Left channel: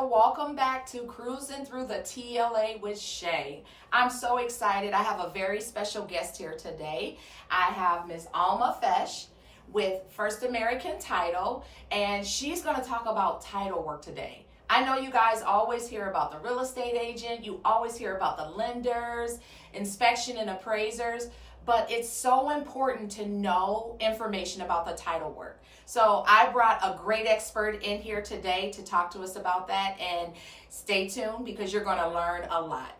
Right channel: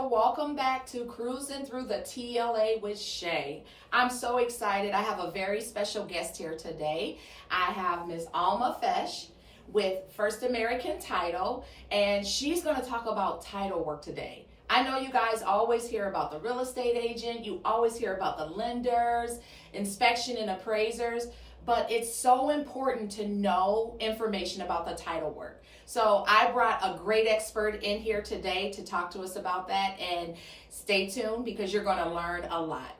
Well, welcome back to Cruising Through the TLA with Shay. I'm so excited. I have a very special guest here today. I have Miss Alma Fesh with First American Title, and she's going to talk about title work today. I know you guys always hear about the real estate agent, you always hear about the lenders, inspection and appraisers, but it's so important to know information about the title work. So I brought a great expert in here today to talk to us about that, and stay tuned because you're going to learn a lot.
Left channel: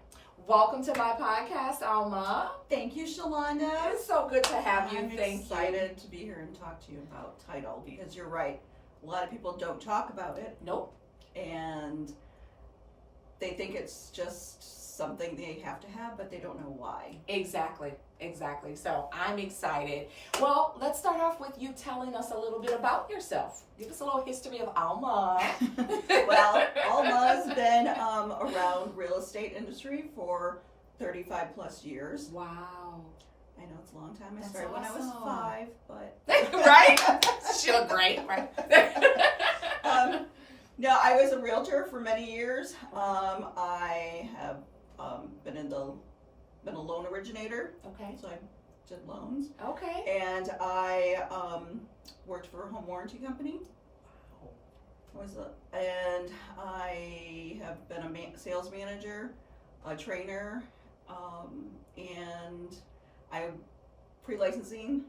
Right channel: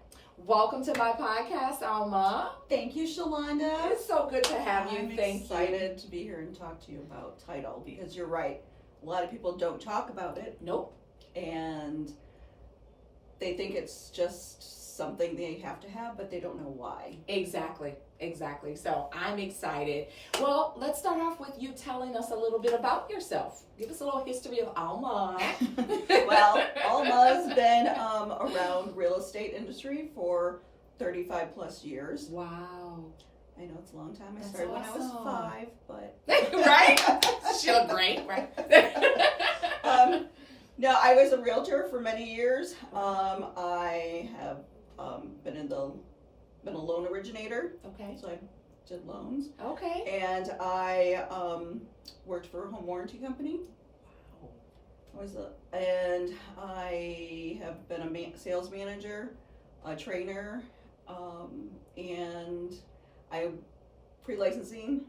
Welcome to my podcast, Alma. Thank you, Shalonda. It's so good to have you. I'm Thank excited to be here and talk to you about title because you're right. A lot of people don't talk about it. Nope. And they think it's just something they have to have, but they don't know why. Exactly. So I'm excited. Well, let's start off with you telling us a little bit about yourself. Give us a little history of Alma. Well, Alma's been around real estate industry for 35 plus years. Wow. I know it's a long time. I That's started when I was awesome. 5, but Right? She looked great, right? No, I was a realtor for many years. I have been a loan originator. Okay. So I did loans. Okay. And I worked for a home warranty company. And I have been a sales manager, a trainer, and I pre-licensing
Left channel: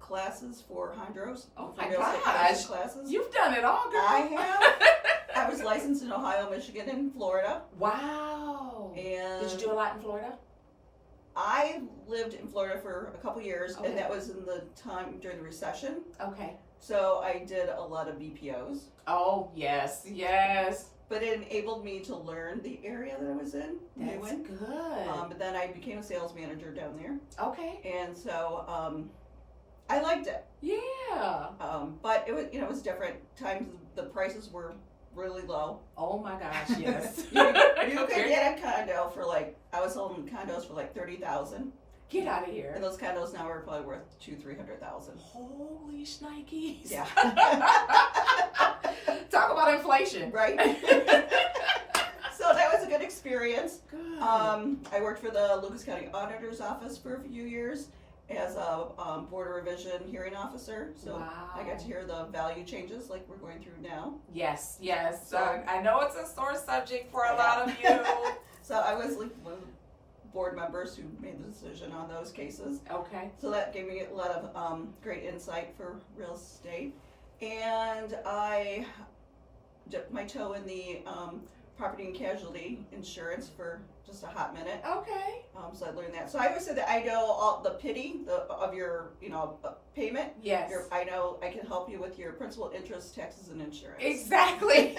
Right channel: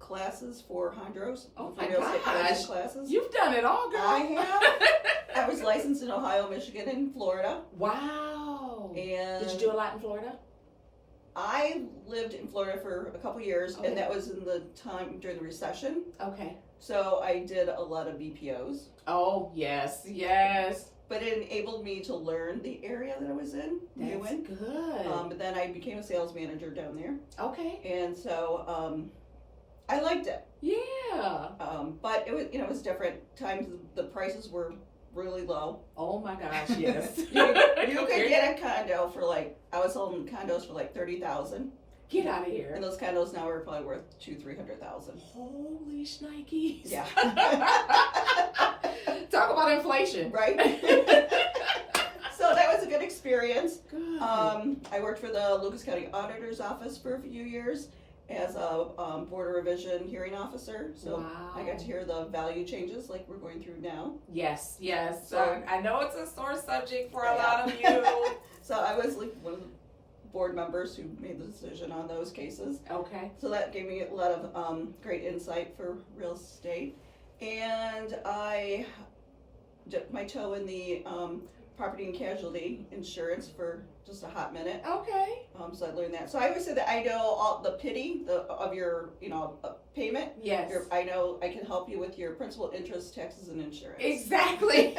classes for hondros. Oh for my real estate gosh. classes. You've done it all, girl. I have. I was licensed in Ohio, Michigan, and Florida. Wow. And did you do a lot in Florida? I lived in Florida for a couple years, Okay. and that was in the time during the recession. Okay. So I did a lot of BPOs. Oh, yes. But it enabled me to learn the area that I was in. That's good. But then I became a sales manager down there. Okay. And so I liked it. Yeah. But it was different. Times the prices were really low. Oh my gosh, yes. You could get a condo for I was selling condos for $30,000. Get out of here. And those condos now are probably worth $200,000-$300,000. Holy shnikes. Yeah. Talk about inflation. Right. So that was a good experience. Good. I worked for the Lucas County Auditor's Office for a few years as a Board of Revision hearing officer. So wow. I got to hear the value changes like we're going through now. Yes. So, I know it's a sore subject for a lot of you. So I was one of the board members who made the decision on those cases. Okay. So that gave me a lot of great insight for real estate. And I dipped my toe in the property and casualty insurance for just a hot minute. Okay. So I learned that. So I always say that I know all the pity of your payment. Yes. I know I can help you with your principal, interest, taxes, and insurance. Exactly.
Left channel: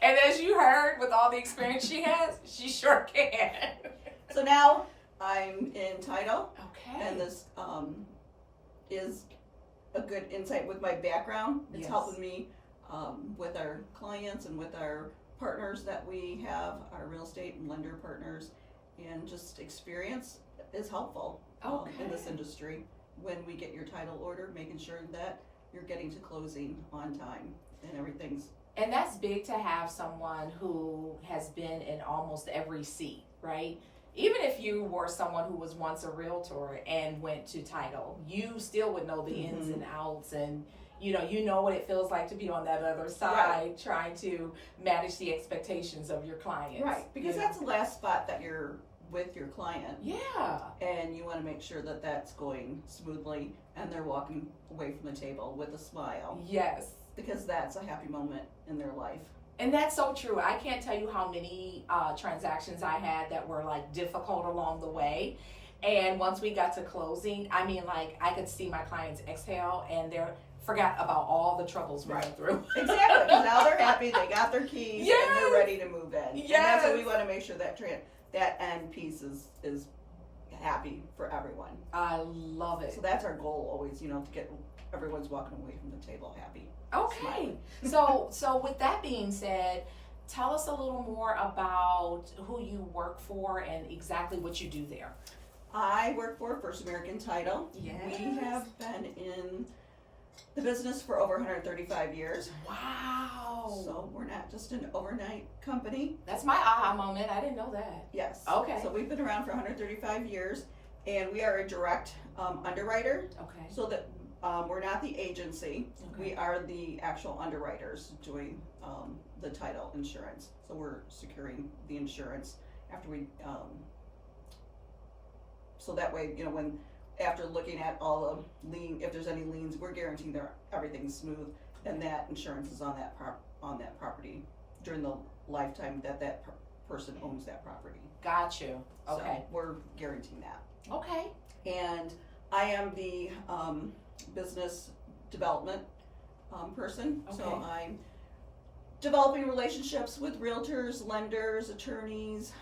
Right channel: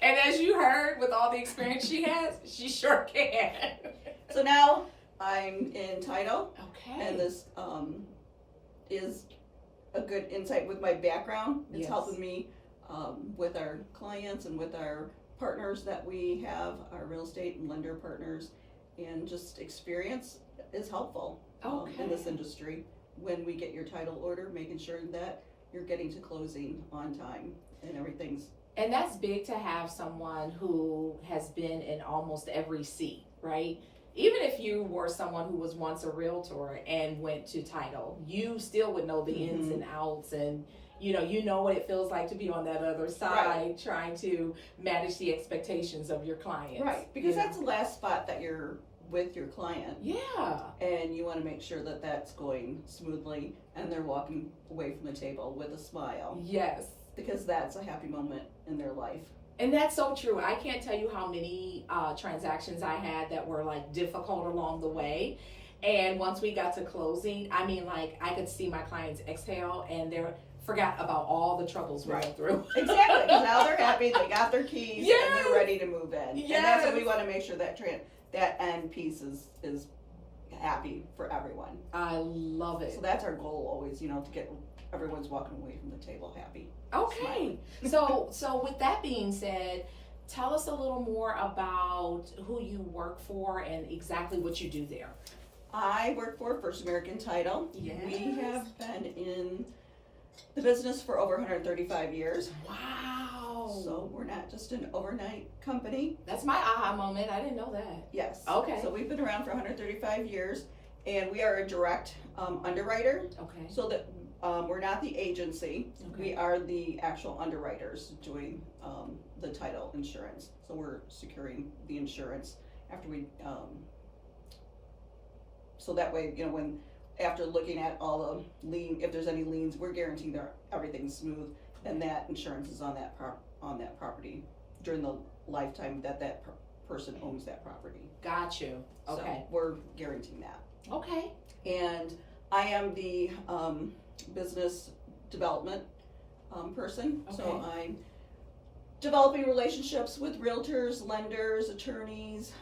And as you heard, with all the experience she has, she sure can. So now I'm in title. Okay. And this is a good insight with my background. It's Yes. helping me with our clients and with our partners that we have, our real estate and lender partners, and just experience is helpful in this industry when we get your title order, making sure that you're getting to closing on time and everything's. And that's big to have someone who has been in almost every seat, right? Even if you were someone who was once a realtor and went to title, you still would know the ins and outs, and you know what it feels like to be on that other side, trying to manage the expectations of your clients. Right, because that's the last spot that you're with your client. Yeah. And you want to make sure that that's going smoothly and they're walking away from the table with a smile. Yes. Because that's a happy moment in their life. And that's so true. I can't tell you how many transactions I had that were difficult along the way. And once we got to closing, I could see my clients exhale and they forgot about all the troubles we went through. Exactly. Because now they're happy, they got their keys, and they're ready to move in. Yes. And that's what we want to make sure that end piece is happy for everyone. I love it. So that's our goal always, to get everyone's walking away from the table happy. Okay. So with that being said, tell us a little more about who you work for and exactly what you do there. I work for First American Title. Yes. We have been in the business for over 135 years. Wow. So we're not just an overnight company. That's my aha moment. I didn't know that. Yes. Okay. So we've been around for 135 years, and we are a direct underwriter. Okay. So that we're not the agency. Okay. We are the actual underwriters doing the title insurance. So we're securing the insurance after we. So that way, when after looking at all the lien, if there's any liens, we're guaranteeing that everything's smooth and that insurance is on that property during the lifetime that person owns that property. Got you. Okay. So we're guaranteeing that. Okay. And I am the business development person. Okay. So I'm developing relationships with realtors, lenders, attorneys,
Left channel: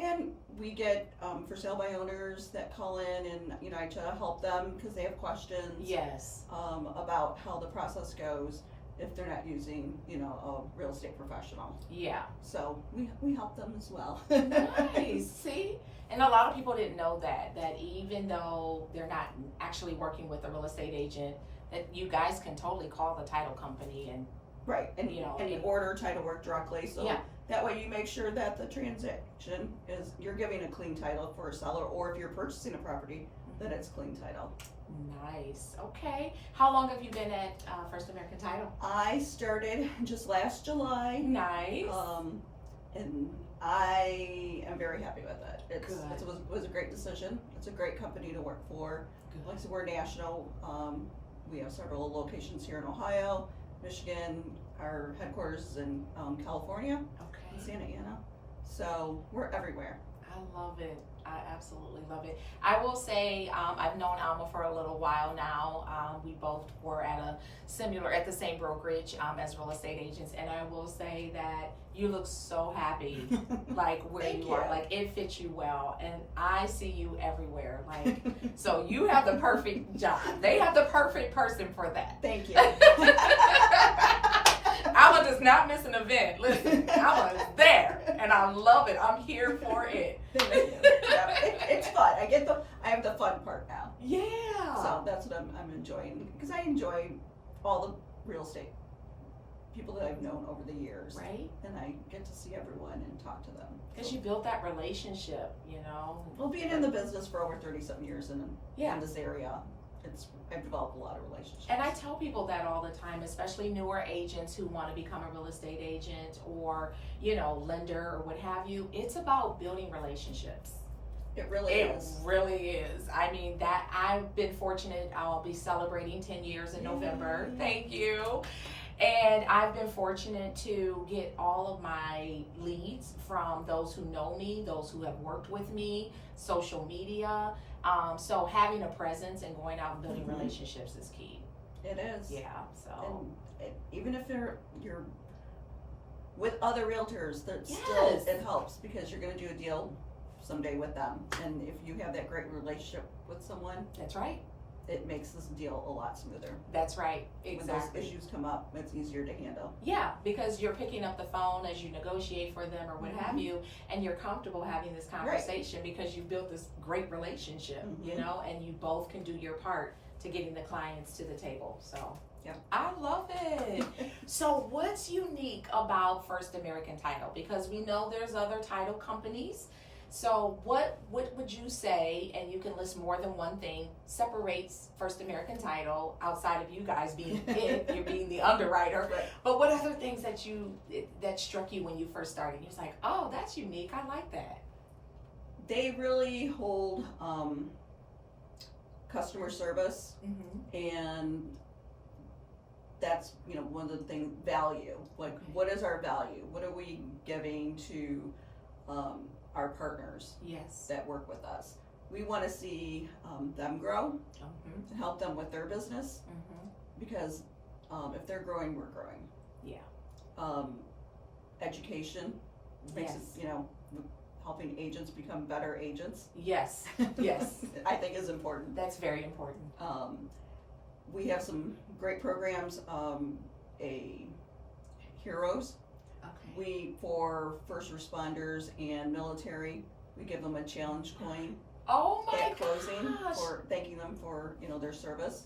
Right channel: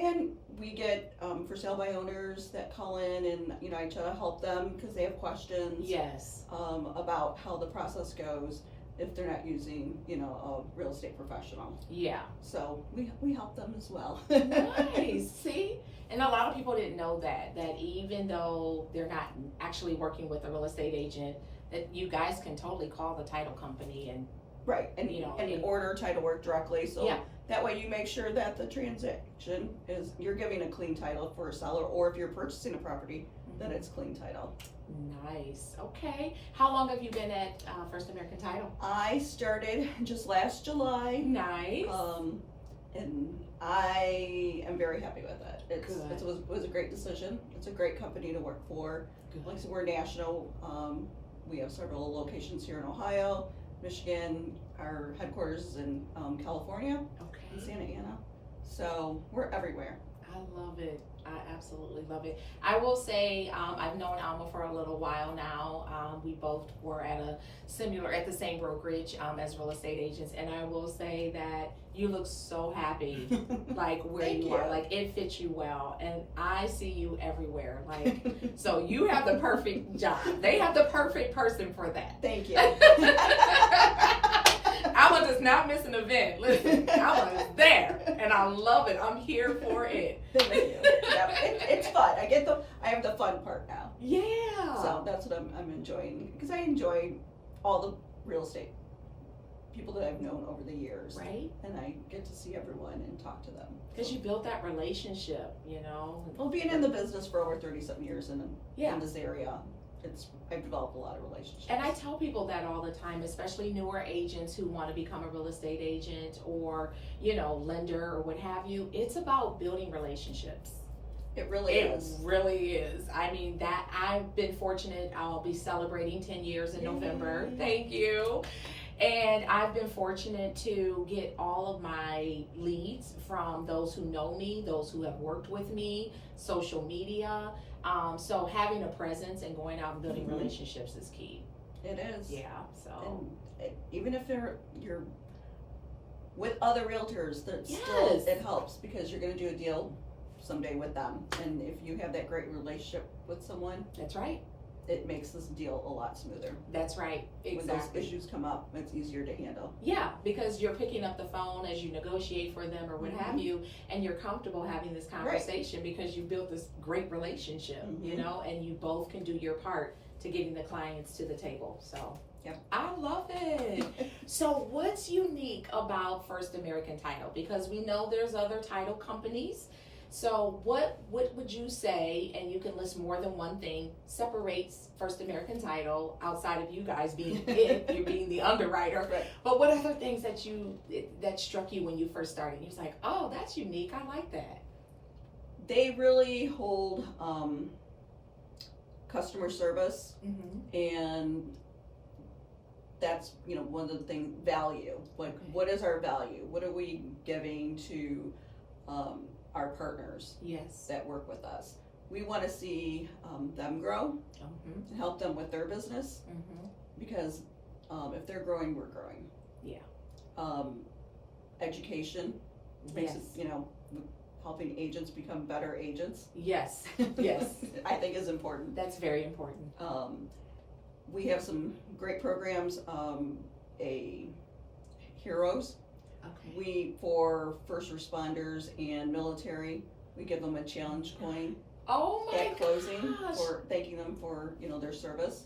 and we get for sale by owners that call in, and I try to help them because they have questions. Yes. About how the process goes if they're not using a real estate professional. Yeah. So we help them as well. Nice. See? And a lot of people didn't know that even though they're not actually working with a real estate agent, that you guys can totally call the title company and right, and and order title work directly. So yeah. That way you make sure that the transaction is, you're giving a clean title for a seller, or if you're purchasing a property, that it's clean title. Nice. Okay. How long have you been at First American Title? I started just last July. Nice. And I am very happy with it. Good. It was a great decision. It's a great company to work for. Good. Like I said, we're national. We have several locations here in Ohio, Michigan. Our headquarters is in California, in Santa Ana. So we're everywhere. I love it. I absolutely love it. I will say I've known Alma for a little while now. We both were at the same brokerage as real estate agents, and I will say that you look so happy, like where you are. Like it fits you well, and I see you everywhere. Like so, you have the perfect job. They have the perfect person for that. Thank you. Alma does not miss an event. Listen, Alma is there, and I love it. I'm here for it. Thank you. Yeah, it's fun. I have the fun part now. Yeah. So that's what I'm enjoying, because I enjoy all the real estate people that I've known over the years. Right. And I get to see everyone and talk to them. Because you built that relationship, Well, being in the business for over 30-something years in this area, I've developed a lot of relationships. And I tell people that all the time, especially newer agents who want to become a real estate agent or, lender or what have you. It's about building relationships. It really is. It really is. I mean, that I've been fortunate. I'll be celebrating 10 years in November. Thank you. And I've been fortunate to get all of my leads from those who know me, those who have worked with me, social media. So having a presence and going out and building relationships is key. It is. Yeah. So and even if you're with other realtors, still it helps, because you're going to do a deal someday with them, and if you have that great relationship with someone, that's right. It makes this deal a lot smoother. That's right. Exactly. When those issues come up, it's easier to handle. Yeah, because you're picking up the phone as you negotiate for them or what have you, and you're comfortable having this conversation because you built this great relationship, and you both can do your part to getting the clients to the table. So I love it. So what's unique about First American Title? Because we know there's other title companies. So what would you say, and you can list more than one thing, separates First American Title outside of you guys being you're being the underwriter, right. But what other things that struck you when you first started? You're like, oh, that's unique. I like that. They really hold customer service, and that's one of the things, value. Like, what is our value? What are we giving to our partners that work with us? We want to see them grow, help them with their business, because if they're growing, we're growing. Yeah. Education makes it, helping agents become better agents. Yes. I think is important. That's very important. We have some great programs, a Heroes. We, for first responders and military, we give them a challenge coin at closing for thanking them for their service.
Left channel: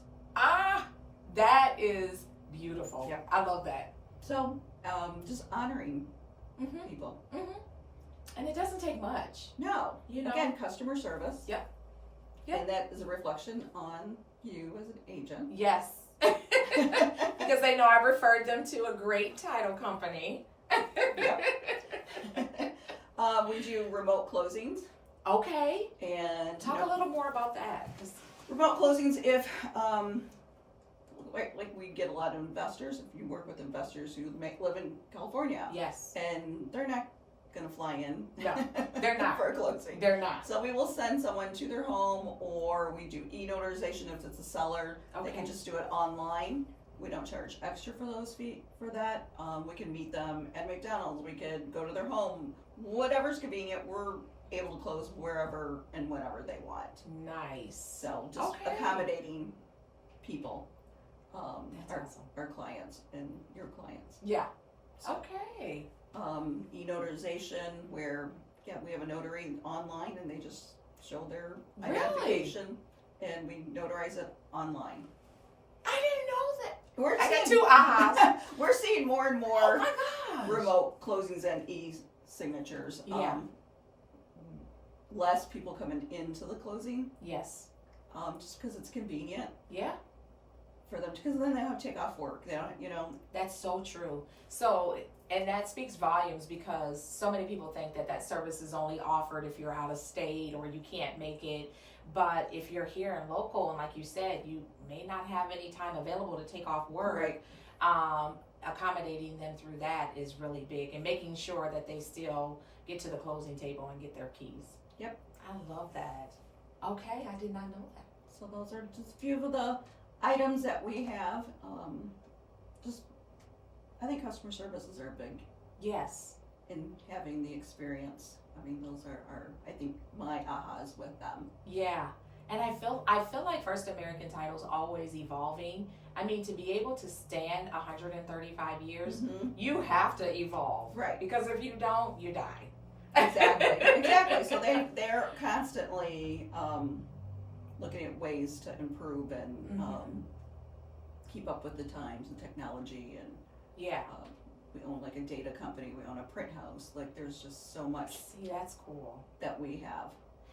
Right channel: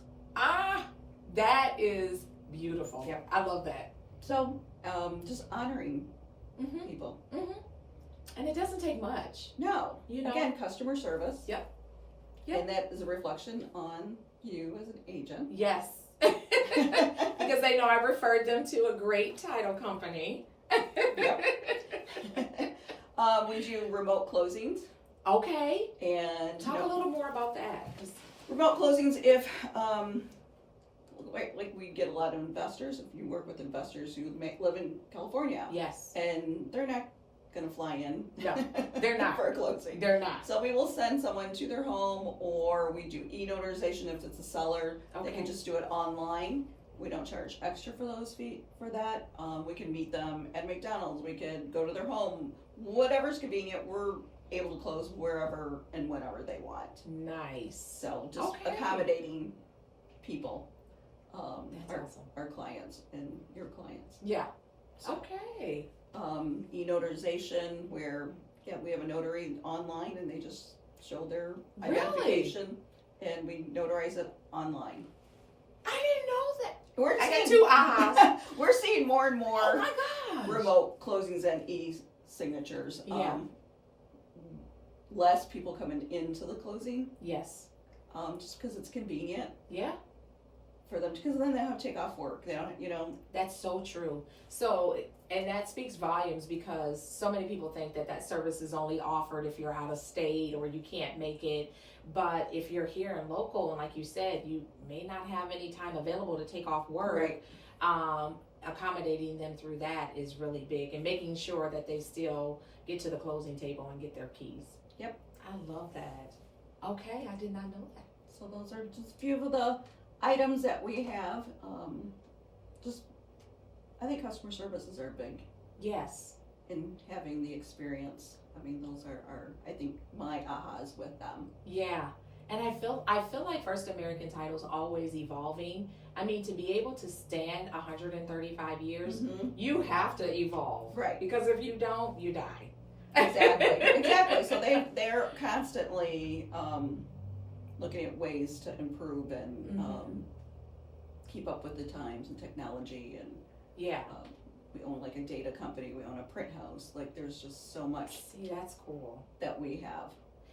That is beautiful. Yep. I love that. So, just honoring Mm-hmm. people. Mm-hmm. And it doesn't take much. No, You know? again, customer service. Yep. Yep. And that is a reflection on you as an agent. Yes. Because they know I referred them to a great title company. Yep. We do remote closings. Okay. And Talk a little more about that. 'Cause remote closings, if like we get a lot of investors. If you work with investors who live in California, yes. and they're not going to fly in. No, they're not. For a closing. They're not. So we will send someone to their home, or we do e-notarization if it's a seller. Okay. They can just do it online. We don't charge extra for those fees for that. We can meet them at McDonald's. We could go to their home. Whatever's convenient, we're able to close wherever and whenever they want. Nice. So just Okay. accommodating people, That's awesome. our clients and your clients. Yeah. So, Okay. e-notarization where, we have a notary online and they just show their Really? identification and we notarize it online. I didn't know that. We're I got seeing- 2 ahas. We're seeing more and Oh more my gosh. remote closings and e-signatures. Yeah. Less people coming into the closing, Yes. just because it's convenient Yeah. for them, because then they don't have to take off work. They don't, That's so true. So, and that speaks volumes because so many people think that that service is only offered if you're out of state or you can't make it. But if you're here and local, and like you said, you may not have any time available to take off work. Right. Accommodating them through that is really big, and making sure that they still get to the closing table and get their keys. Yep. I love that. Okay, I did not know that. So those are just a few of the items that we have. I think customer services are big Yes. in having the experience. I mean, those are I think my ahas with them. Yeah. And I feel like First American Title's always evolving. I mean, to be able to stand 135 years, Mhm. you have to evolve. Right. Because if you don't, you die. Exactly. So they're constantly looking at ways to improve and Mhm. keep up with the times and technology. And Yeah. we own like a data company. We own a print house. Like there's just so much See, that's cool. that we have.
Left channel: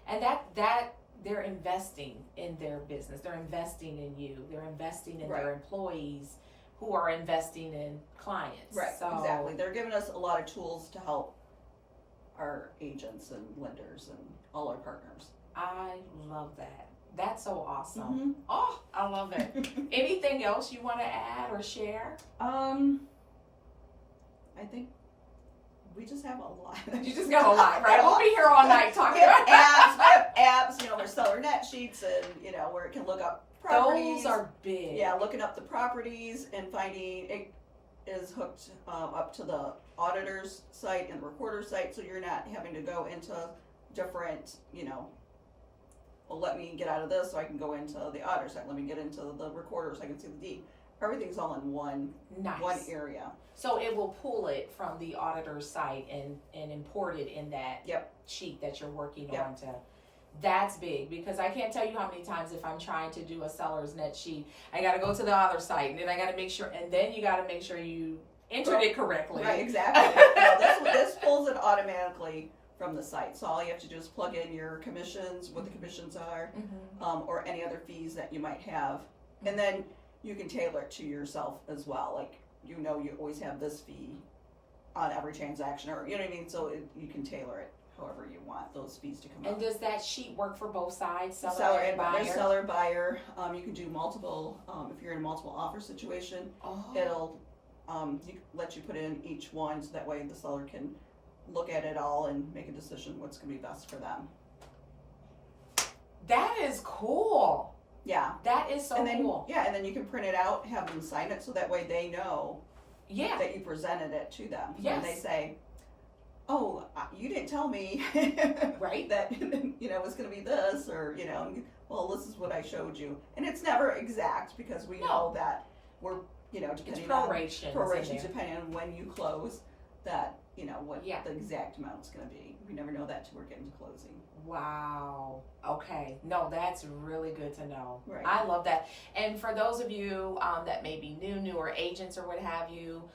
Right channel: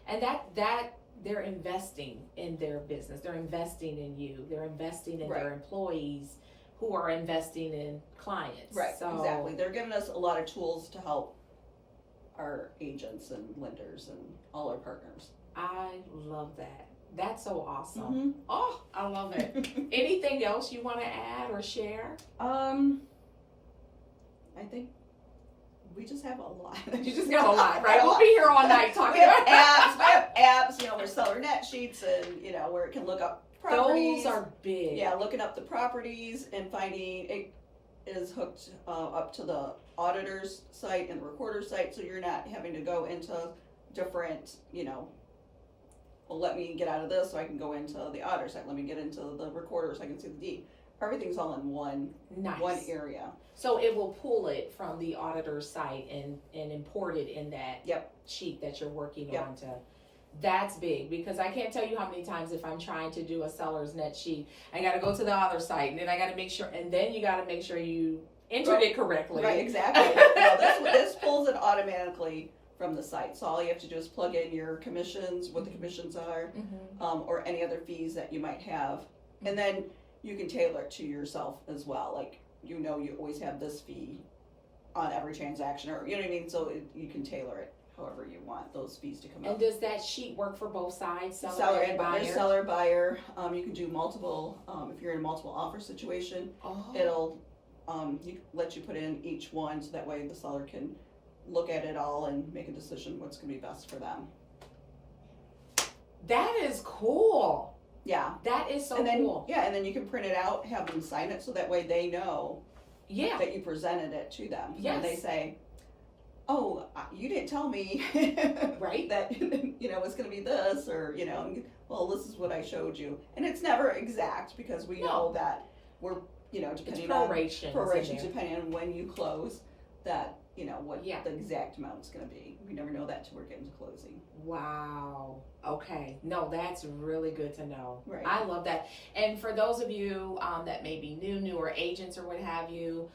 And that they're investing in their business. They're investing in you. They're investing in their Right. employees who are investing in clients. Right. So, Exactly. They're giving us a lot of tools to help our agents and lenders and all our partners. I love that. That's so awesome. Mhm. Oh, I love it. Anything else you want to add or share? I think we just have a lot. You just got a lot, right? We'll be here all night talking We have about apps. We have apps. We're seller net sheets, and where it can look up properties. Those are big. Yeah, looking up the properties and finding it is hooked up to the auditor's site and the recorder's site, so you're not having to go into different, well, let me get out of this so I can go into the auditor's site. Let me get into the recorder so I can see the deed. Everything's all in one Nice. area. So it will pull it from the auditor's site and import it in that Yep. sheet that you're working Yep. on to. That's big, because I can't tell you how many times if I'm trying to do a seller's net sheet, I got to go to the other site and then I got to make sure, and then you got to make sure you entered it correctly. Right, exactly. This pulls it automatically from the site. So all you have to do is plug in your commissions, what the commissions are, Mhm. or any other fees that you might have. And then you can tailor it to yourself as well. Like, you always have this fee on every transaction, or you know what I mean? So you can tailor it however you want those fees to come And up. does that sheet work for both sides, seller Seller and buyer? there's seller, buyer. You can do multiple, if you're in a multiple offer situation, Oh. it'll let you put in each one, so that way the seller can look at it all and make a decision what's going to be best for them. That is cool. Yeah. That is so And then, cool. and then you can print it out, have them sign it, so that way they know Yeah. that you presented it to them. Yes. And they say, oh, you didn't tell me Right. that, it's going to be this, or, well, this is what I showed you. And it's never exact, because we know that we're, It's depending on prorations. in prorations, there. depending on when you close. that, you know, what Yeah. the exact amount's gonna be. We never know that till we're getting to closing. Wow. Okay. No, that's really good to know. Right. I love that. And for those of you that may be newer agents or what have you,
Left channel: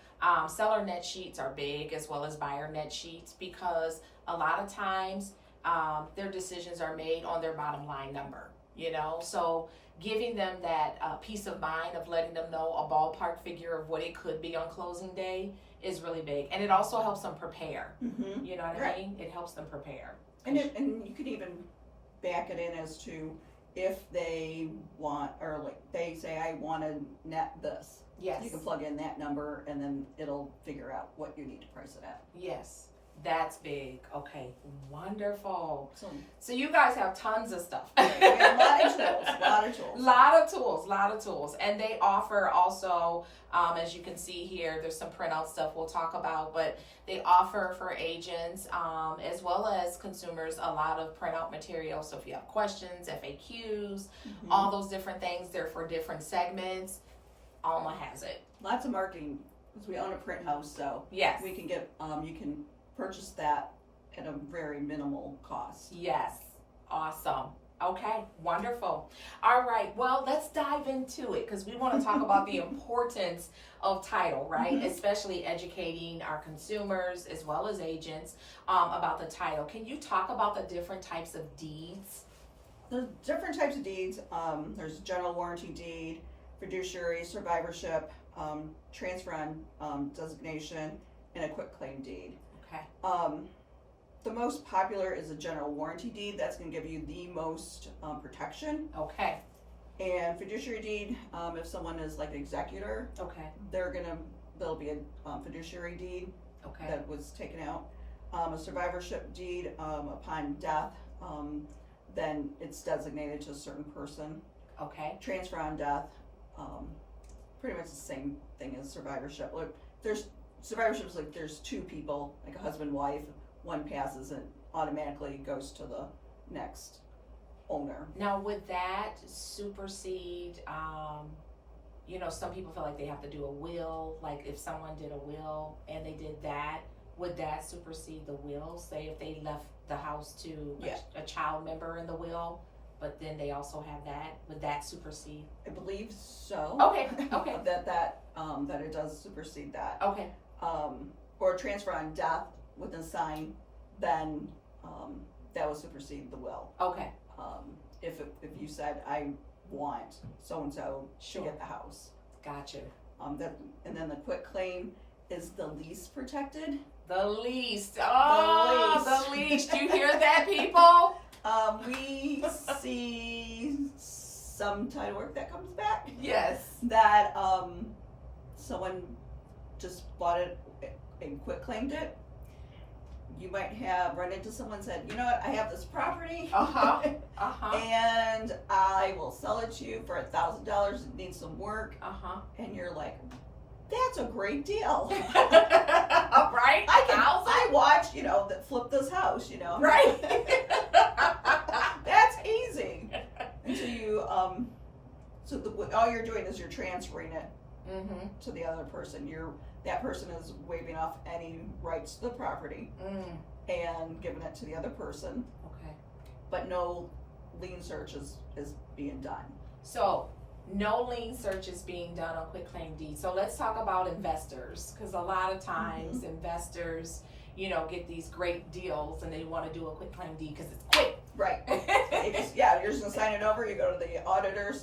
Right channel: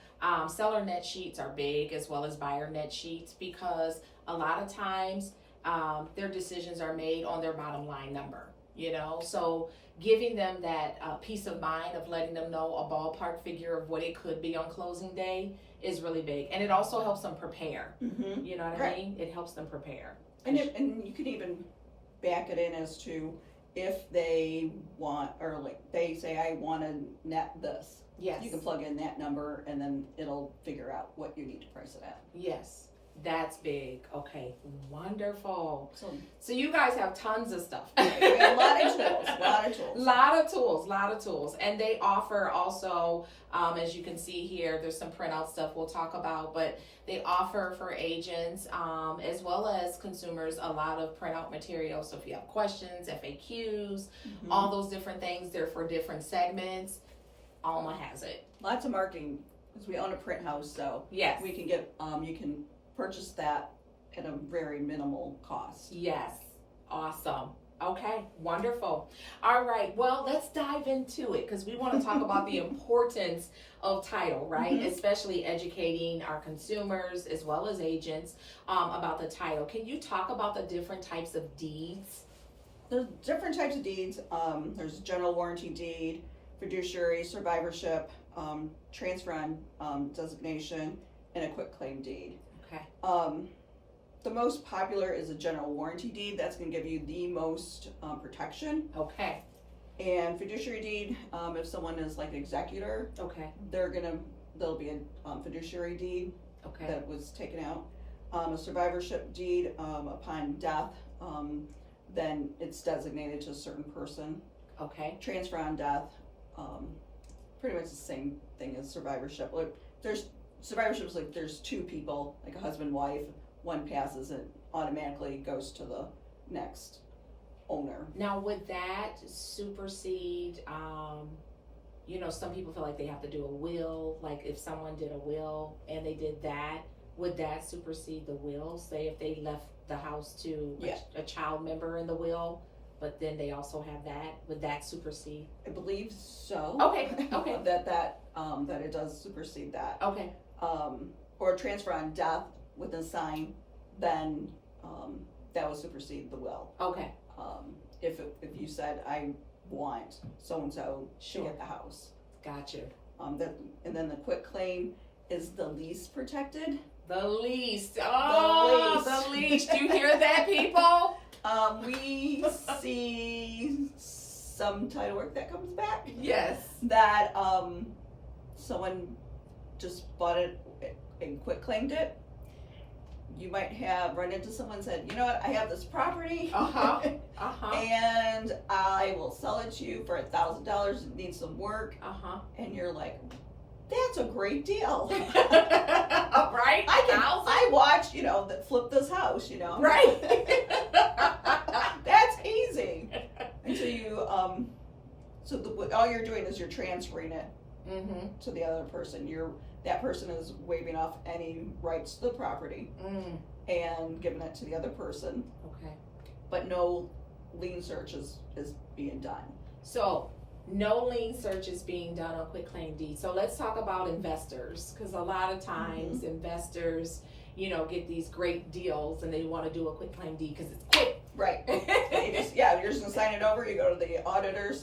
seller net sheets are big as well as buyer net sheets, because a lot of times their decisions are made on their bottom line number, you know? So giving them that peace of mind of letting them know a ballpark figure of what it could be on closing day is really big. And it also helps them prepare. Mm-hmm. You know what I mean? It helps them prepare. And you could even back it in as to if they want, or like they say, I want to net this. Yes. You can plug in that number and then it'll figure out what you need to price it at. Yes. That's big. Okay. Wonderful. So So you guys have tons of stuff. we have a lot of tools, lot of tools. And they offer also, as you can see here, there's some printout stuff we'll talk about, but they offer for agents, as well as consumers, a lot of printout material. So if you have questions, FAQs, Mm-hmm. all those different things, they're for different segments. Alma has it. Lots of marketing, because we own a print house, so Yes. we can get, you can purchase that at a very minimal cost. Yes. Awesome. Okay. Wonderful. All right. Well, let's dive into it, because we want to talk about the importance of title, right? Mhm. Especially educating our consumers as well as agents about the title. Can you talk about the different types of deeds? There's different types of deeds. There's general warranty deed, fiduciary, survivorship, transfer on designation, and a quitclaim deed. Okay. The most popular is a general warranty deed. That's going to give you the most protection. Okay. And fiduciary deed, if someone is like an executor, Okay. there'll be a fiduciary deed Okay. that was taken out. A survivorship deed, upon death, then it's designated to a certain person. Okay. Transfer on death, pretty much the same thing as survivorship. Like, survivorship is like there's two people, like a husband, wife, one passes and automatically goes to the next owner. Now, would that supersede, some people feel like they have to do a will, like if someone did a will and they did that, would that supersede the will? Say if they left the house to a child member in the will, but then they also have that, would that supersede? I believe so. Okay, okay. that it does supersede that. Okay. Or transfer on death with a sign, then that will supersede the will. Okay. If you said I want so and so to Sure. get the house. Gotcha. And then the quitclaim is the least protected. The least. Oh, the least. You hear that, people? We see some title work that comes back Yes. that someone just bought it and quitclaimed it. You might have run into someone and said, you know what, I have this property Uh-huh. Uh-huh. and I will sell it to you for $1,000. It needs some work. Uh-huh. And you're like, that's a great deal. Right? I watched, that flip this house, Right. That's easy. And so you, all you're doing is you're transferring it Mm-hmm. to the other person. That person is waiving off any rights to the property and giving it to the other person, Okay. but no lien search is being done. So, no lien search is being done on quitclaim deed. So let's talk about investors, because a lot of times investors, get these great deals and they want to do a quitclaim deed because it's quick. Right. You're just gonna sign it over. You go to the auditor's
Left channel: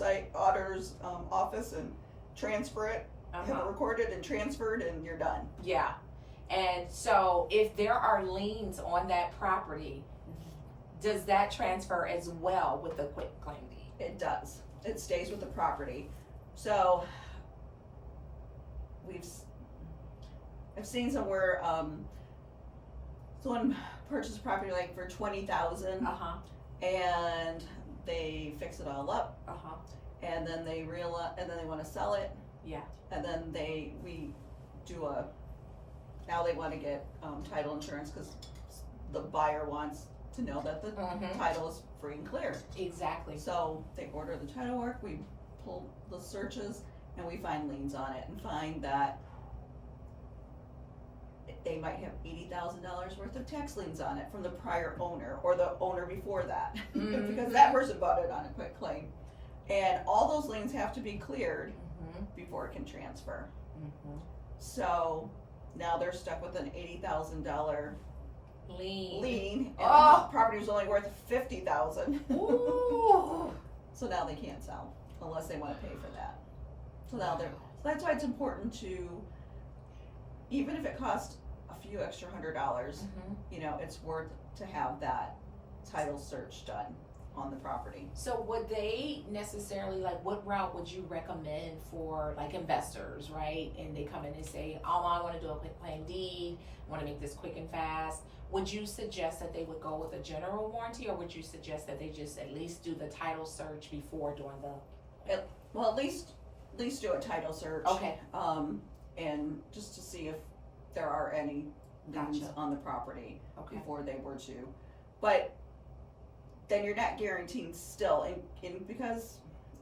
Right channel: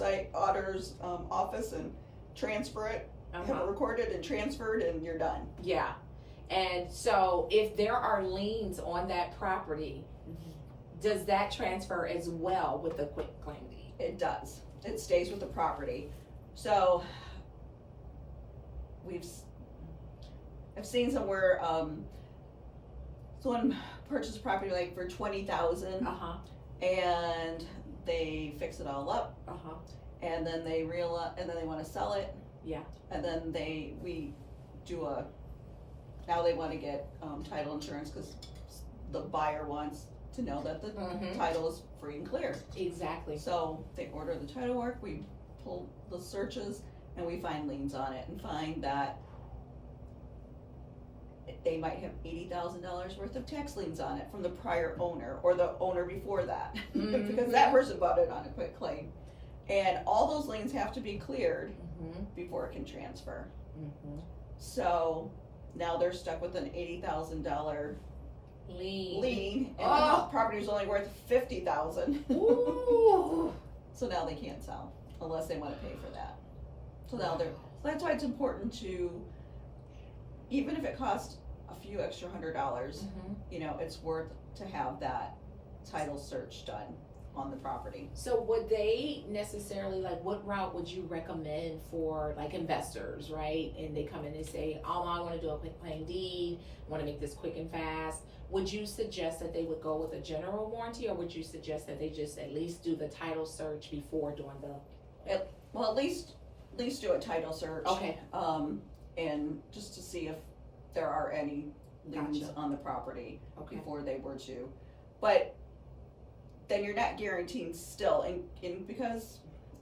office and transfer it, have it recorded and transferred, and you're done. Yeah. And so if there are liens on that property, does that transfer as well with the quitclaim deed? It does. It stays with the property. So I've seen somewhere someone purchased a property like for $20,000 Uh-huh. and they fix it all up Uh-huh. and then they want to sell it. Yeah. And then now they want to get title insurance because the buyer wants to know that the title is free and clear. Exactly. So they order the title work, we pull the searches, and we find liens on it and find that they might have $80,000 worth of tax liens on it from the prior owner or the owner before that, because that person bought it on a quick claim. And all those liens have to be cleared before it can transfer. So now they're stuck with an $80,000 lien, and the property was only worth $50,000. So now they can't sell unless they want to pay for that. So now so that's why it's important to, even if it costs a few extra $100, you know, it's worth to have that title search done on the property. So would they necessarily, like, what route would you recommend for like investors, right? And they come in and say, oh, I want to do a quick claim deed, I want to make this quick and fast. Would you suggest that they would go with a general warranty, or would you suggest that they just at least do the title search before doing the? Well, at least do a title search. Okay. And just to see if there are any liens on the property before they were to. But then you're not guaranteeing still, and because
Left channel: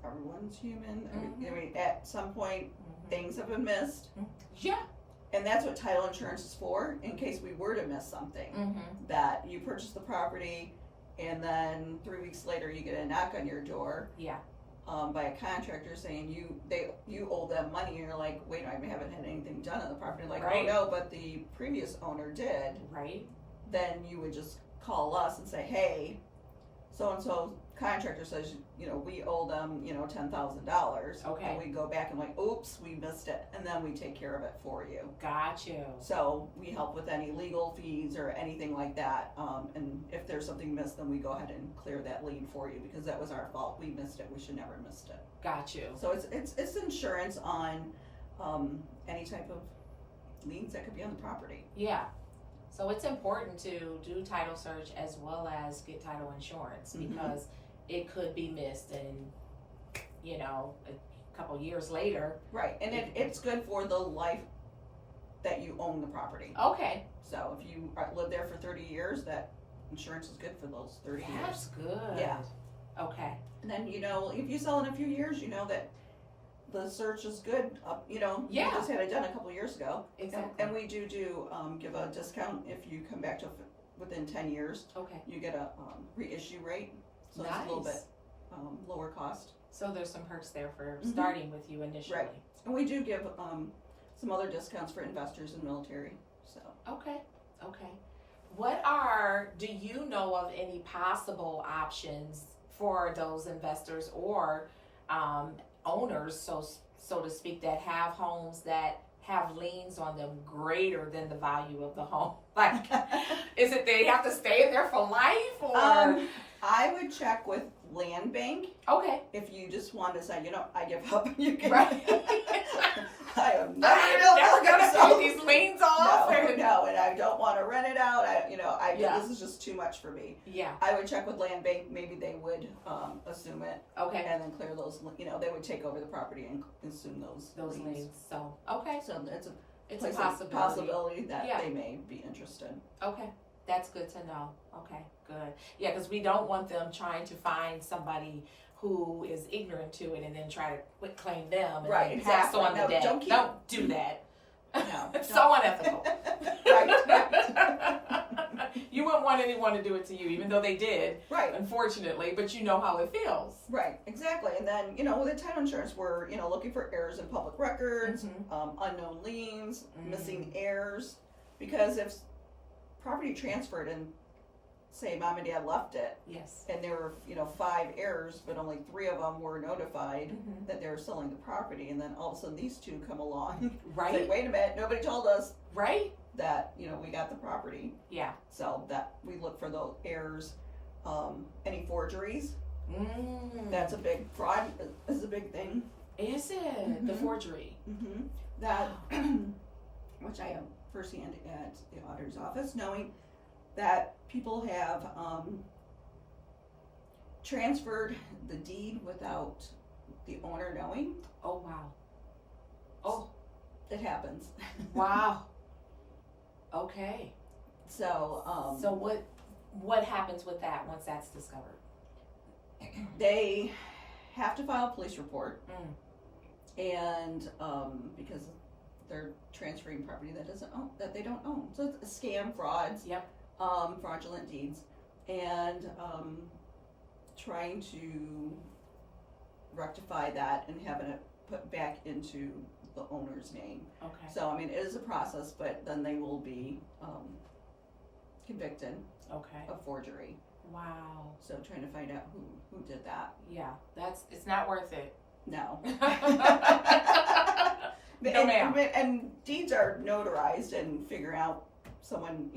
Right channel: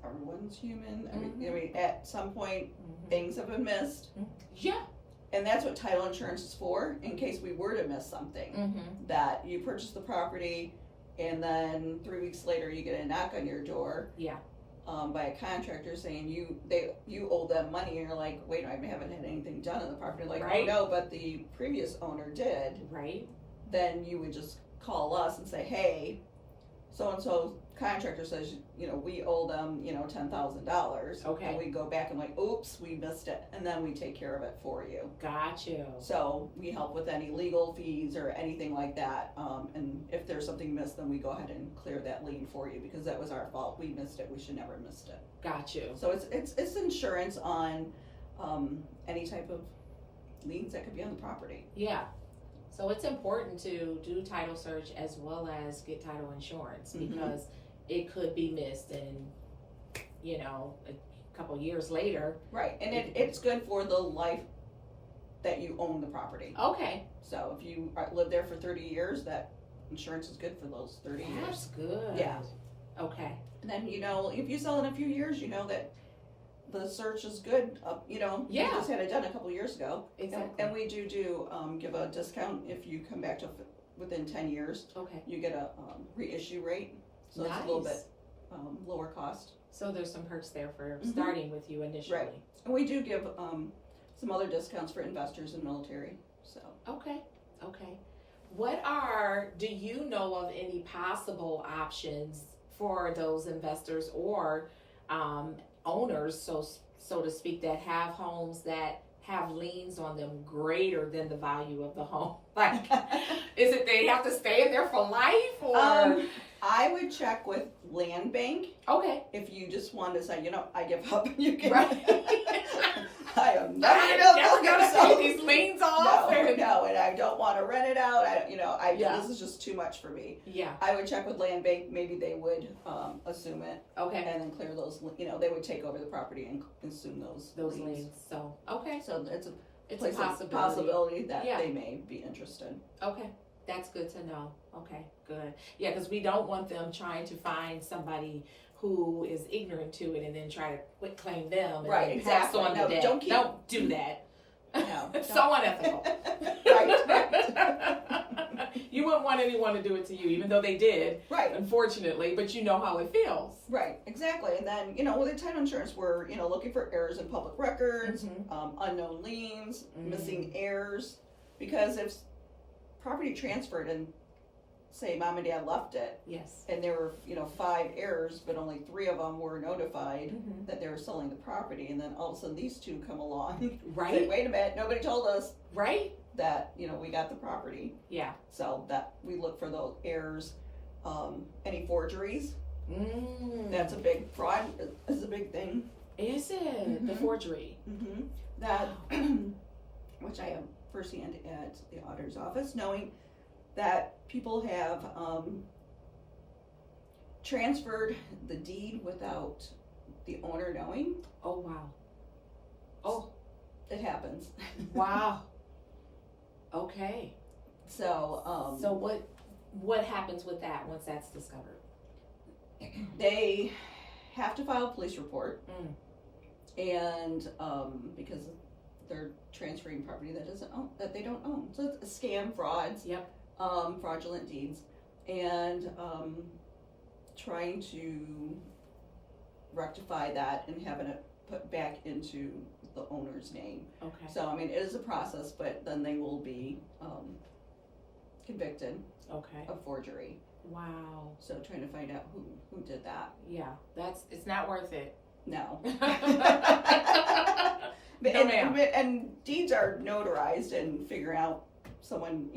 everyone's human, I mean, at some point things have been missed. Yeah. And that's what title insurance is for, in case we were to miss something. That you purchase the property, and then 3 weeks later you get a knock on your door. Yeah. By a contractor saying you owe them money, and you're like, wait, I haven't had anything done on the property. Like, oh no, but the previous owner did. Right. Then you would just call us and say, hey, so and so contractor says, you know, we owe them, you know, $10,000. Okay. And we go back and like, oops, we missed it, and then we take care of it for you. Got you. So we help with any legal fees or anything like that. And if there's something missed, then we go ahead and clear that lien for you, because that was our fault. We missed it. We should never have missed it. Got you. So it's insurance on any type of liens that could be on the property. Yeah. So it's important to do title search as well as get title insurance, because it could be missed, and you know, a couple years later. Right, and it's good for the life that you own the property. Okay. So if you live there for 30 years, that insurance is good for those 30 years. That's good. Yeah. Okay. And then, you know, if you sell in a few years, you know that the search is good. You know, we just had it done a couple years ago. Exactly. And we do give a discount if you come back to within 10 years. Okay. You get a reissue rate, so it's a little bit lower cost. So there's some perks there for starting with you initially. Right. And we do give some other discounts for investors and military. So. Okay. Do you know of any possible options for those investors or owners, so to speak, that have homes that have liens on them greater than the value of the home? Like, is it they have to stay in there for life, or? I would check with Land Bank. Okay. If you just want to say, you know, I give up, you can. Right. I am never gonna pay these liens off. No, and I don't want to rent it out. This is just too much for me. Yeah. I would check with Land Bank. Maybe they would assume it. Okay. And then clear those. You know, they would take over the property and assume those liens. So okay. So it's a possibility that they may be interested. Okay. That's good to know. Okay, good. Yeah, because we don't want them trying to find somebody who is ignorant to it and then try to quit claim them and then pass on the debt. Don't do that. No, it's so unethical. Right. You wouldn't want anyone to do it to you, even though they did. Right. Unfortunately, but you know how it feels. Right. Exactly. And then, you know, with the title insurance, we're, you know, looking for errors in public records, unknown liens, missing heirs, because if property transferred and say mom and dad left it, and there were, you know, 5 heirs, but only 3 of them were notified that they were selling the property, and then all of a sudden these 2 come along, right? Say, wait a minute, nobody told us, right? That, you know, we got the property. Yeah. So that we look for those heirs. Any forgeries? That's a big fraud. Is a big thing. Is it the forgery? That, which I have firsthand at the auditor's office, knowing that people have transferred the deed without the owner knowing. Oh wow. Oh, it happens. Wow. Okay. So so what happens with that once that's discovered? They have to file a police report, and because they're transferring property that they don't own. So it's a scam, frauds, Yep. Fraudulent deeds, and trying to rectify that and having it put back into the owner's name. Okay. So, I mean, it is a process, but then they will be convicted Okay. of forgery. Wow. So trying to find out who did that. Yeah, it's not worth it. No. No, ma'am. And deeds are notarized, and figuring out someone,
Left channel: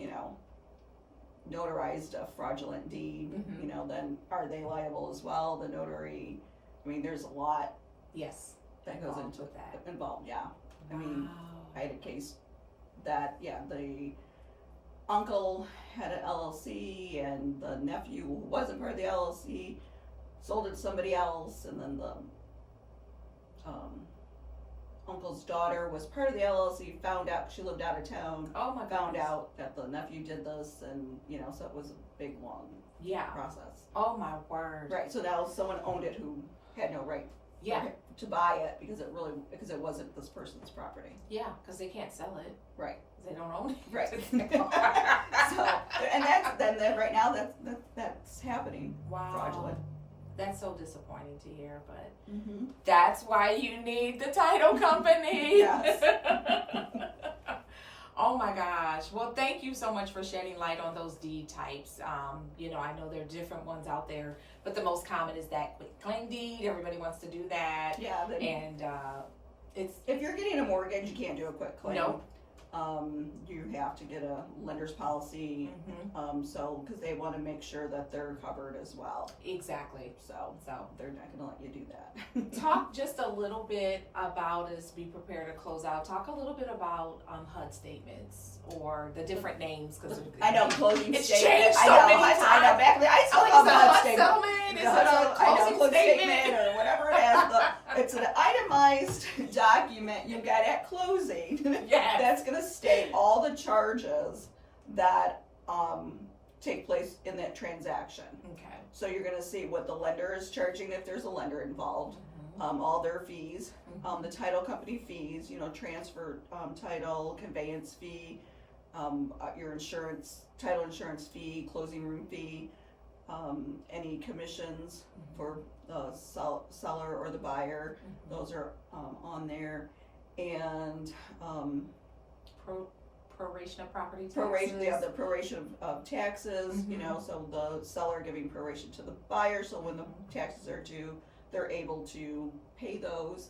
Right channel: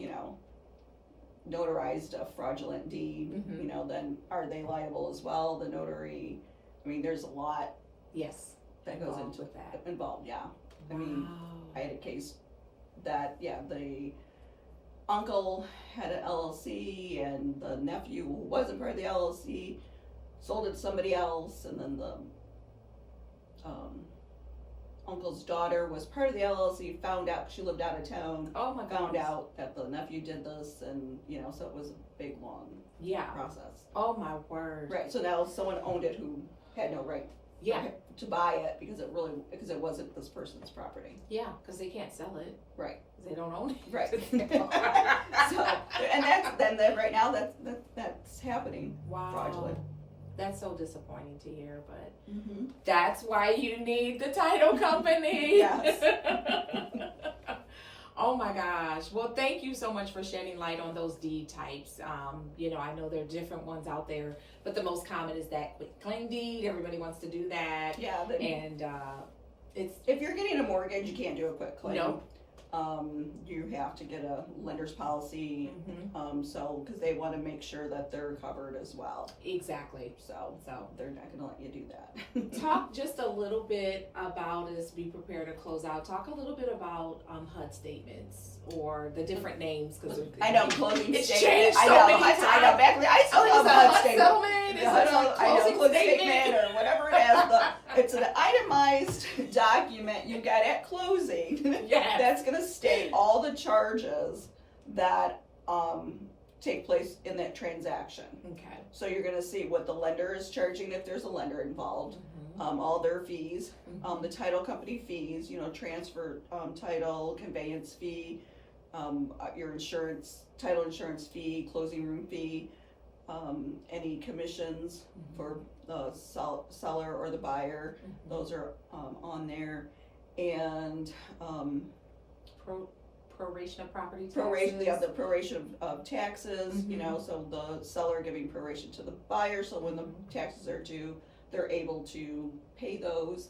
notarized a fraudulent deed, Mhm. Then are they liable as well? The notary, I mean, there's a lot Yes. that goes Involved into with that. Involved, yeah. I Wow. mean, I had a case that, the uncle had an LLC, and the nephew, who wasn't part of the LLC, sold it to somebody else, and then the uncle's daughter was part of the LLC, found out, she lived out of town, Oh my found goodness. out that the nephew did this, and, so it was a big, long Yeah. process. Oh my word. Right, so now someone owned it who had no right Yeah. to buy it because it wasn't this person's property. Yeah, because they can't sell it. Right. 'Cause they don't own it. Right. So, and right now that's happening. Wow. Fraudulent. That's so disappointing to hear, but Mm-hmm. that's why you need the title company. Yes. Oh my gosh. Well, thank you so much for shedding light on those deed types. I know there are different ones out there, but the most common is that quick claim deed. Everybody wants to do that. Yeah. And it's If you're getting a mortgage, you can't do a quick claim. No. You have to get a lender's policy. mhm, Because they want to make sure that they're covered as well. exactly. So So they're not going to let you do that. talk just a little bit about, as we prepare to close out, talk a little bit about HUD statements or the different names, because I know, closing It's statement. changed I so know, many I know, times. back then, I still Oh, have it's a a HUD HUD statement. settlement, it's Yeah, a closing closing statement statement. or whatever it has. It's an itemized document you got at closing. Yes. That's gonna state all the charges that take place in that transaction. Okay. So you're gonna see what the lender is charging if there's a lender involved, all their fees, the title company fees, transfer title, conveyance fee, your title insurance fee, closing room fee, any commissions for the seller or the buyer, those are on there, and Proration of property taxes. the proration of taxes, so the seller giving proration to the buyer, so when the taxes are due, they're able to pay those.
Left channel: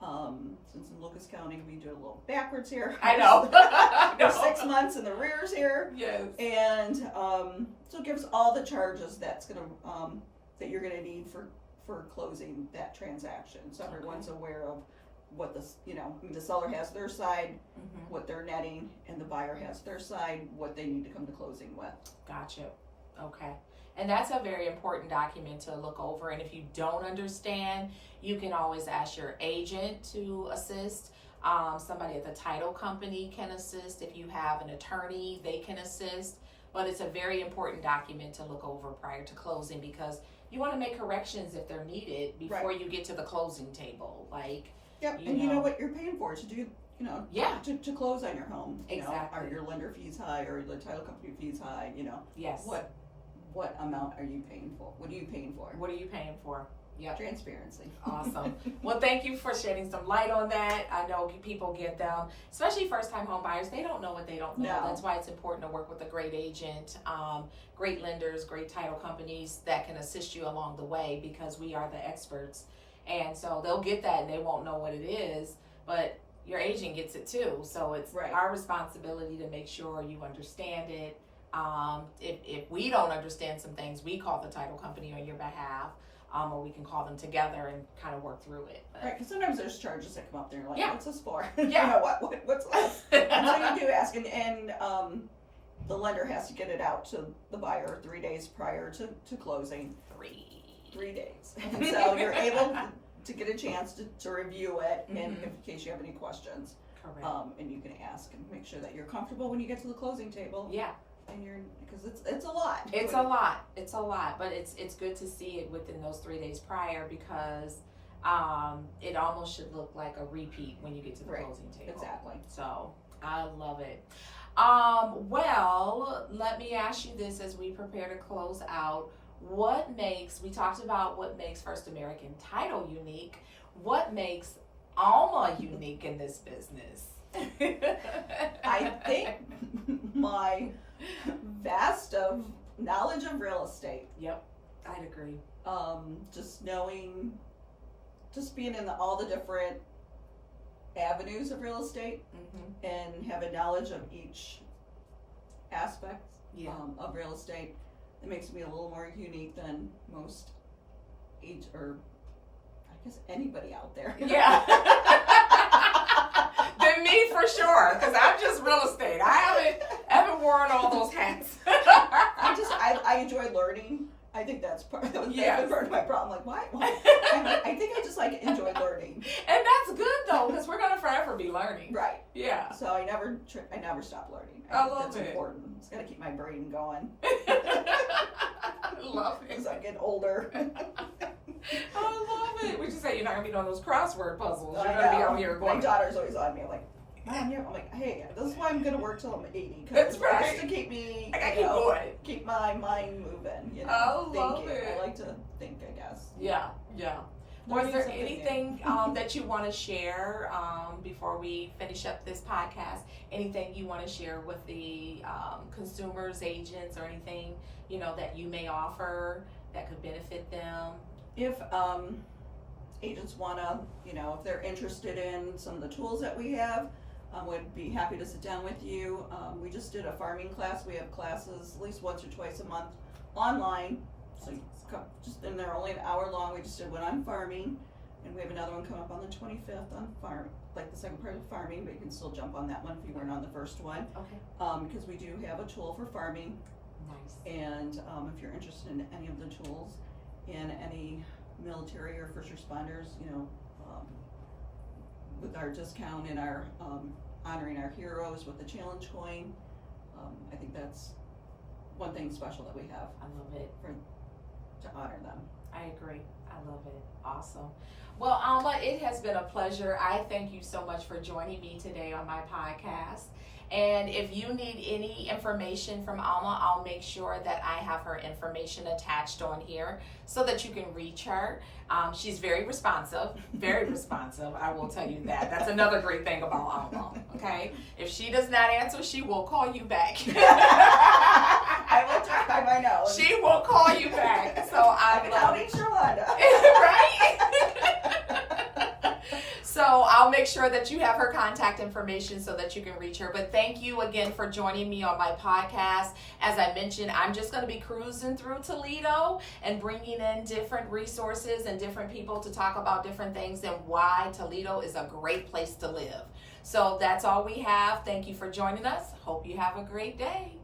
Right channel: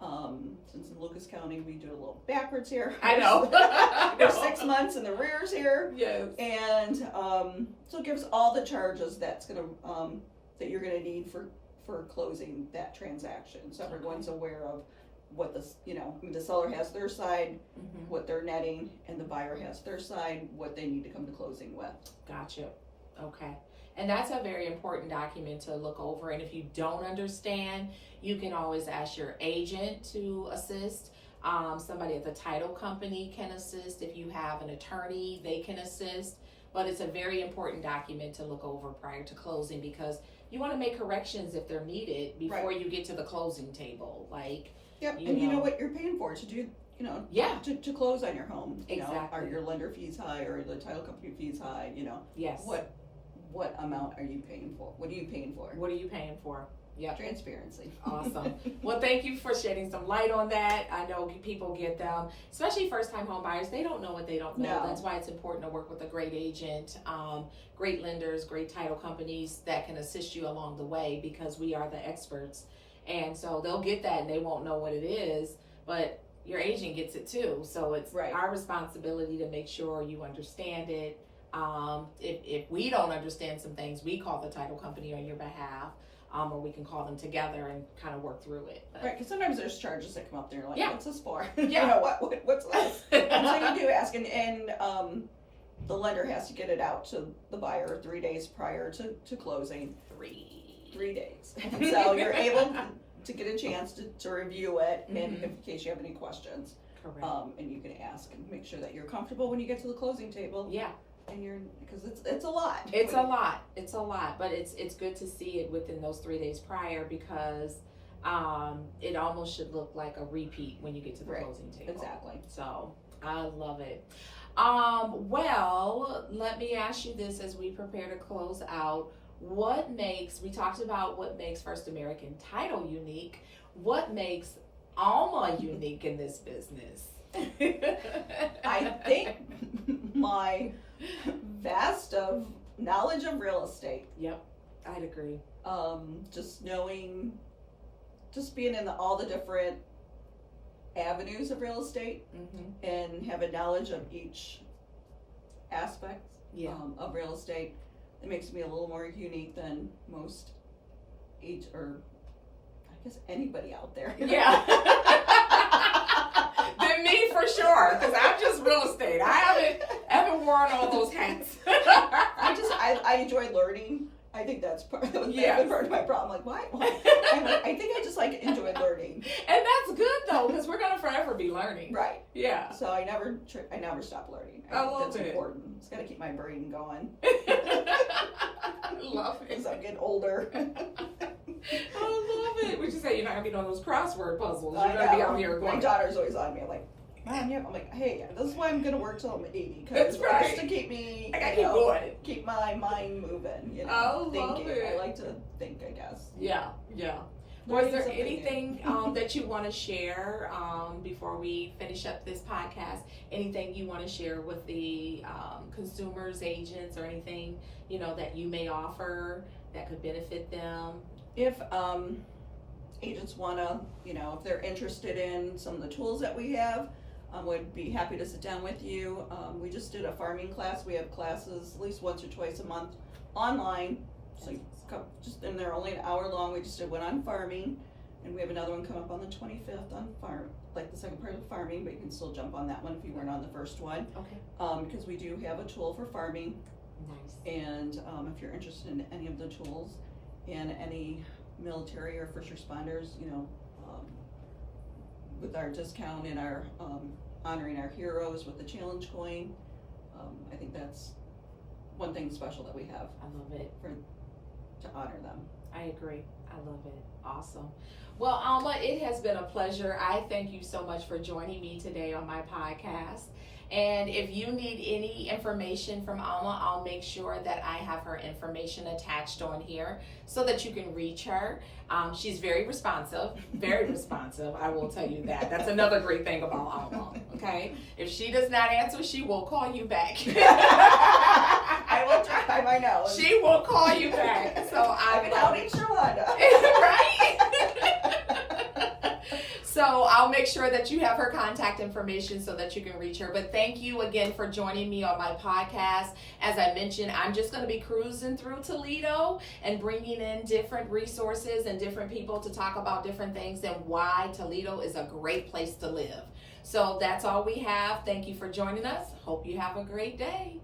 Since in Lucas County we do a little backwards here. I know. There's 6 months in the rears here. Yes. And so it gives all the charges that you're gonna need for closing that transaction. So everyone's aware of what the seller has their side, what they're netting, and the buyer has their side, what they need to come to closing with. Gotcha. Okay. And that's a very important document to look over. And if you don't understand, you can always ask your agent to assist. Somebody at the title company can assist. If you have an attorney, they can assist. But it's a very important document to look over prior to closing, because you want to make corrections if they're needed before you get to the closing table. Yep, and you know what you're paying for to do, Yeah. to close on your home. Exactly. Are your lender fees high, or the title company fees high, Yes. What amount are you paying for? What are you paying for? What are you paying for? Yep. Transparency. Awesome. Well, thank you for shedding some light on that. I know people get them, especially first-time home buyers. They don't know what they don't know. No. That's why it's important to work with a great agent, great lenders, great title companies that can assist you along the way, because we are the experts. And so they'll get that and they won't know what it is, but your agent gets it too. So it's our responsibility to make sure you understand it. If we don't understand some things, we call the title company on your behalf, or we can call them together and kind of work through it. But, Right, because sometimes there's charges that come up there, you're like, what's this for? Yeah. What's this? And so you do ask, and the lender has to get it out to the buyer 3 days prior to closing. 3 days. And so you're able to get a chance to review it, and in case you have any questions. Correct. And you can ask and make sure that you're comfortable when you get to the closing table. Yeah. And because it's a lot. It's a lot, but it's good to see it within those 3 days prior, because it almost should look like a repeat when you get to the Right. closing table. Exactly. So I love it. Well, let me ask you this as we prepare to close out. We talked about what makes First American Title unique. What makes Alma unique in this business? I think my vast of knowledge of real estate. Yep, I'd agree. Just knowing, just being in all the different avenues of real estate Mm-hmm. and having knowledge of each aspect Yeah. of real estate. It makes me a little more unique than most or I guess anybody out there. Yeah. Than me for sure, because I'm just real estate. I haven't worn all those hats. I enjoy learning. I think that's part of my problem. Like, why? I think I just enjoy learning. And that's good though, because we're gonna forever be learning. Right. Yeah. So I never stop learning. I love that's it. important. It's gotta keep my brain going. Love it. As I get older. I love it. We just say you're not gonna be doing those crossword puzzles. You're I gonna be know. out here going. My daughter's always on me. I'm like, Mom, I'm like, hey, this is why I'm gonna work till I'm 80. That's right. Just to keep me, I gotta keep going. keep my mind moving. I love thinking. it. I like to think, I guess. Yeah. Was there anything that you want to share before we finish up this podcast? Anything you want to share with the consumers, agents, or anything that you may offer that could benefit them? If agents wanna, if they're interested in some of the tools that we have, would be happy to sit down with you. We just did a farming class. We have classes at least once or twice a month online. So and they're only an hour long. We just did one on farming, and we have another one coming up on the 25th on the second part of farming, but you can still jump on that one if you weren't on the first one. Okay. Because we do have a tool for farming, Nice. and if you're interested in any of the tools, in any military or first responders, with our discount and our honoring our heroes with the challenge coin, I think that's one thing special that we have I love it. to honor them. I agree. I love it. Awesome. Well, Alma, it has been a pleasure. I thank you so much for joining me today on my podcast. And if you need any information from Alma, I'll make sure that I have her information attached on here so that you can reach her. She's very responsive, I will tell you that. That's another great thing about Alma, okay? If she does not answer, she will call you back. I will try my nose. She will call you back. So I love it. Right? So I'll make sure that you have her contact information so that you can reach her. But thank you again for joining me on my podcast. As I mentioned, I'm just going to be cruising through Toledo and bringing in different resources and different people to talk about different things and why Toledo is a great place to live. So that's all we have. Thank you for joining us. Hope you have a great day.